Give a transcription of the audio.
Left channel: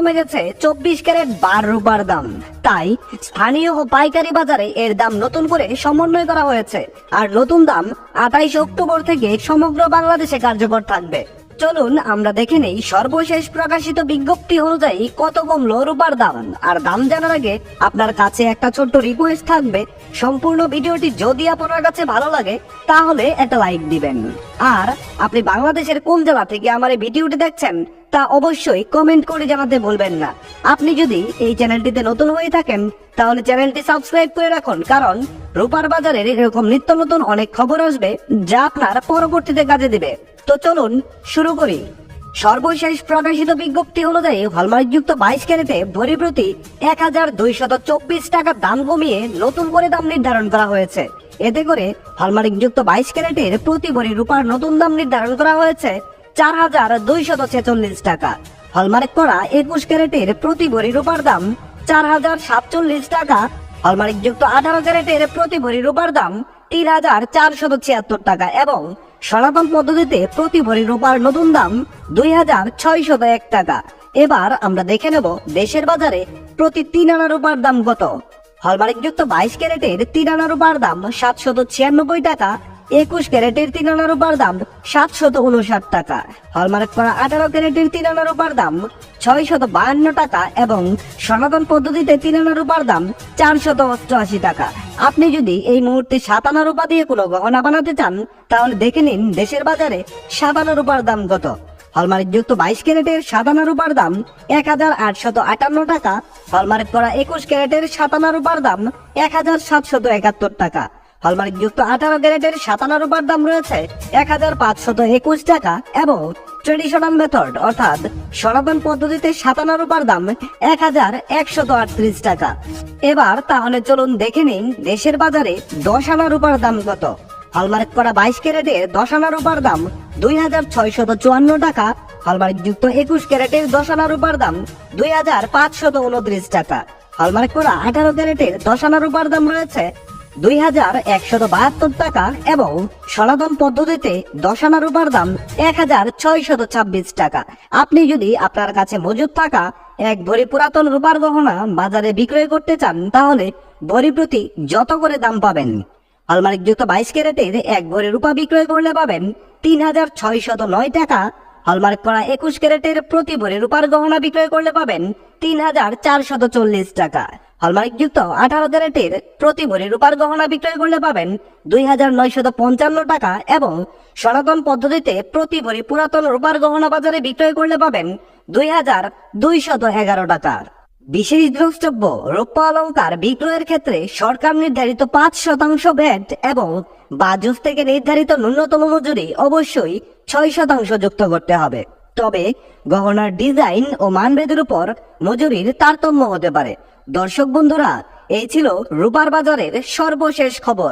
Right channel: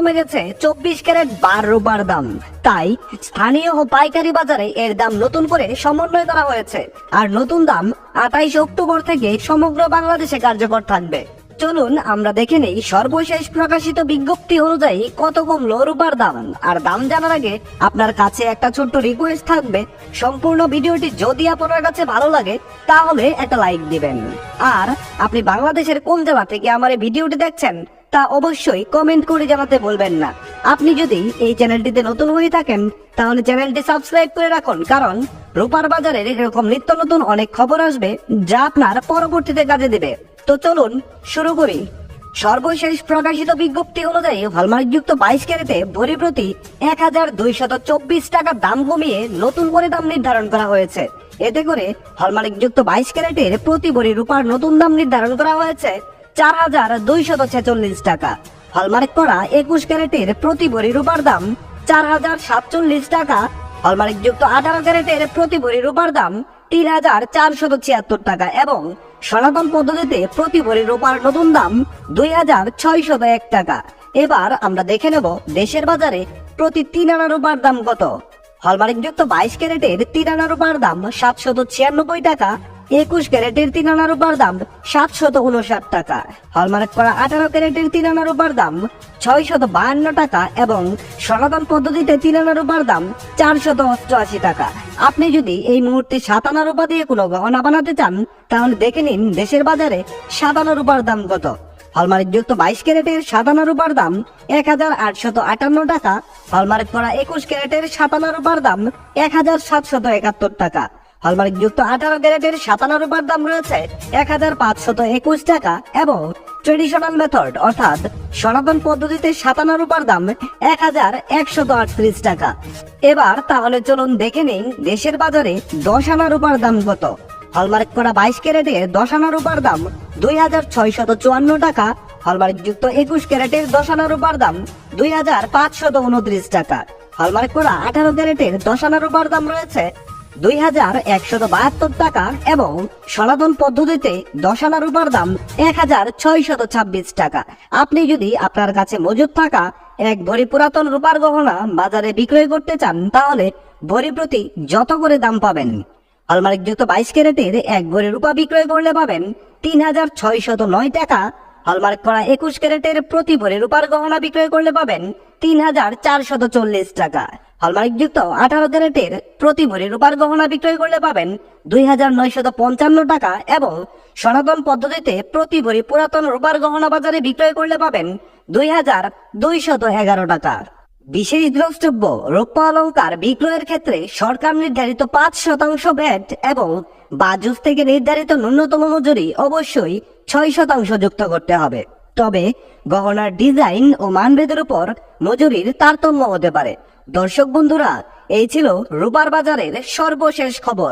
কমে গেছে চব্বিশ ক্যারেট বার রূপার দাম। তাই স্থানীয় ও পাইকারি বাজারে এর দাম নতুন করে সমন্বয় করা হয়েছে। আর নতুন দাম আঠাইশ অক্টোবর থেকে সমগ্র বাংলাদেশে কার্যকর থাকবে। চলুন আমরা দেখে নেই সর্বশেষ প্রকাশিত বিজ্ঞপ্তি অনুযায়ী কত কমলো রূপার দাম। আর দাম জানার আগে আপনার কাছে একটা ছোট্ট রিকোয়েস্ট থাকবে। সম্পূর্ণ ভিডিওটি যদি আপনার কাছে ভালো লাগে, তাহলে একটা লাইক দিবেন। আর আপনি বাংলাদেশের কোন জেলা থেকে আমার এই ভিডিওটি দেখছেন তা অবশ্যই কমেন্ট করে জানাতে বলবেন না। আপনি যদি এই চ্যানেলটিতে নতুন হয়ে থাকেন, তাহলে চ্যানেলটি সাবস্ক্রাইব করে রাখুন, কারণ রূপার বাজারের এরকম নিত্য নতুন অনেক খবর আসবে, যা আপনার পরবর্তীতে কাজে দিবে। তো চলুন শুরু করি। সর্বশেষ প্রকাশিত বিজ্ঞপ্তি অনুযায়ী হলমার্কযুক্ত বাইশ ক্যারেটে ভরি প্রতি এক হাজার দুইশত চব্বিশ টাকার দাম কমিয়ে নতুন করে দাম নির্ধারণ করা হয়েছে। এতে করে হলমার্কযুক্ত বাইশ ক্যারেটের প্রতি ভরি রূপার নতুন দাম নির্ধারণ করা হয়েছে। চার হাজার দুইশত ছেচল্লিশ টাকা। হলমার্ক করা একুশ ক্যারেটের প্রতি ভরি রূপার দাম চার হাজার সাতচল্লিশ টাকা। হলমার্ক যুক্ত আঠারো ক্যারেটের প্রতি ভরি রূপার দাম তিন হাজার চারশত ছিয়াত্তর টাকা এবং সনাতন পদ্ধতিতে প্রতি ভরি রূপার নতুন দাম দুই হাজার ছয়শত এক টাকা। এবার আমরা দেখে নেব দেশের বাজারে প্রতি তিন আনা রূপার দাম কত। হলমার্ক যুক্ত বাইশ ক্যারেটের তিন আনা রূপার দাম সাতশত ছিয়ানব্বই টাকা একুশ ক্যারেটের তিন আনা রূপার দাম সাতশত উনষাট টাকা। হলমার্ক করা আঠারো ক্যারেটের তিন আনা রূপার দাম ছয়শত বাহান্ন টাকা এবং সনাতন পদ্ধতিতে তিন আনা রূপার দাম চারশত অষ্টআশি টাকা। আপনি যদি এই মুহূর্তে সাত আনা রূপা দিয়ে কোনো গহনা বানাতে চান, তাহলে দেখে নিন দেশের বাজারে সাত আনা রূপার দাম কত। হলমার্ক যুক্ত বাইশ ক্যারেটের সাত সাতানা রূপার দাম এক হাজার আটশত আটান্ন টাকা। হলমার্ক করা একুশ ক্যারেটের সাত সাতানা রূপার দাম এক হাজার সাতশত একাত্তর টাকা। হলমার্ক যুক্ত আঠারো ক্যারেটের সাতানা রূপার দাম রয়েছে এক হাজার পাঁচশত একুশ টাকা এবং ট্রেডিশনাল মেথড, অর্থাৎ সনাতন পদ্ধতিতে সাতানা রূপার দাম এক হাজার একশত আটত্রিশ টাকা। এবার তাহলে চলুন দেখে নিন দেশের বাজারে দশ আনা রূপার দাম কত। হলমার্ক করা বাইশ ক্যারেটের দশ আনা রূপার দাম দুই হাজার ছয়শত চুয়ান্ন টাকা। হলমার্ক যুক্ত একুশ ক্যারেটের দশ আনা রূপার দাম দুই হাজার পাঁচশত উনত্রিশ টাকা। হলমার্ক করা আঠারো ক্যারেটের দশ আনা রূপার দাম রয়েছে দুই হাজার একশত বাহাত্তর টাকা এবং সনাতন পদ্ধতিতে দশ রূপার দাম এক হাজার ছয়শত ছাব্বিশ টাকা। আপনি যদি আপনার কাছে মজুদ থাকা এক ভরি পুরাতন রূপার গহনা বাজারে বিক্রয় করতে চান, তাহলে ভরি প্রতি যত করে দাম পাবেন? হলমার্ক যুক্ত বাইশ ক্যারেটের এক ভরি রূপা বিক্রয় করলে পাবেন তিন হাজার ছয়শত নয় টাকা। হলমার্ক করা একুশ ক্যারেটের প্রতি ভরি রূপার গহনা বিক্রয় করলে পাবেন তিন হাজার চারশত চল্লিশ টাকা। হলমার্ক যুক্ত আঠারো ক্যারেটের প্রতি ভরি রূপার গহনা বিক্রয় করলে পাবেন দুই হাজার নয়শত পঞ্চান্ন টাকা এবং সনাতন পদ্ধতিতে প্রতি ভরি পুরাতন রূপার গহনা বাজারে বিক্রয় করলে পাবেন দুই হাজার দুইশত এগারো টাকা। বিশেষ দ্রষ্টব্য, রৌপ্য অলঙ্কার বিক্রয়ের ক্ষেত্রে সরকার নির্ধারিত পাঁচ শতাংশ ভ্যাট এবং বাজুস থেকে নির্ধারিত ন্যূনতম মজুরি অবশ্যই ছয় শতাংশ যুক্ত করতে হবে। তবে গহনার ডিজাইন ও মানভেদের উপর মজুরির তারতম্য হতে পারে। দর্শক বন্ধুরা, এই ছিল রূপার বাজারের সর্বশেষ খবর।